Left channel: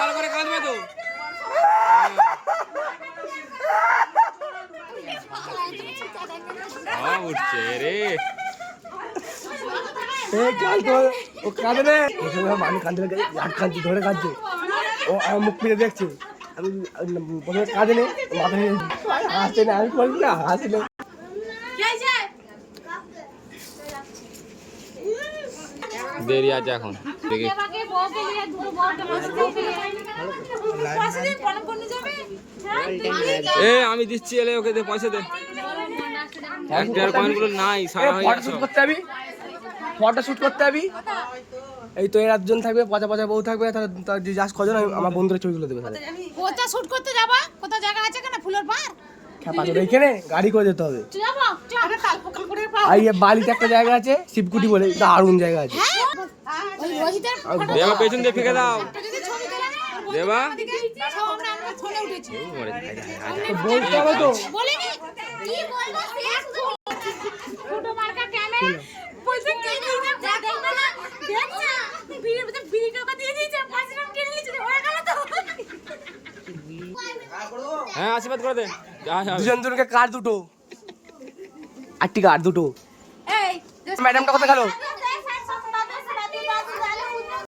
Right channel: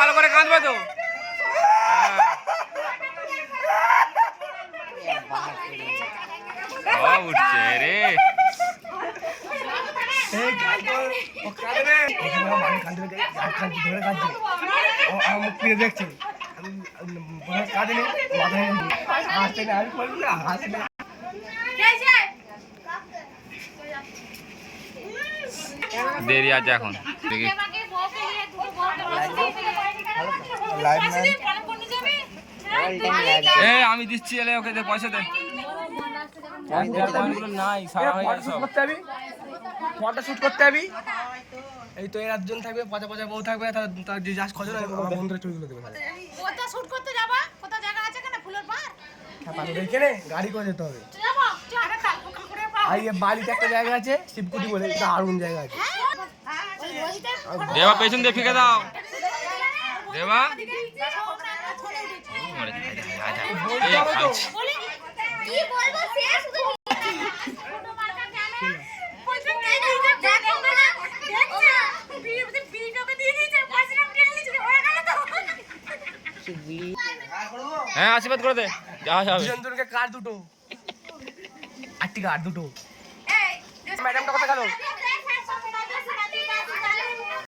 ভালো করে কাঁদবে তো। উঠছে রে মুখ থেকে দেখছে কাঁদে হাসতে না আমি বলি না হাসলে দেরি আছে এখন দেখি। আমি দিচ্ছি এলে ওকে দে পয়সা দে। 1,000 কয়েনগুলো নাই সারা হয়ে গেছে সব। ফটো শুট করতে যাবি এই তো এর একজন থাকবে পচা পচা বউ থাকবে তার যে যাস কজন আমার বন্ধুরা ছবি তুলে দেবে তাহলে কোথা শুট করতে যাবা কোথা জায়গা আছে কেন ফুলের পার এখানে গাড়ি করে যেতে হবে আর এই বালিতে একটা জায়গা আছে শিবকুটি বলে দারুণ জায়গা আছে দেবা পেছন দিয়ে ফেঁকে দাও দেবা। হ্যাঁ আশীর্বাদ করে দে যা কার দুটো 8টি কার দুটো ম্যাডামটা কোথায় গেল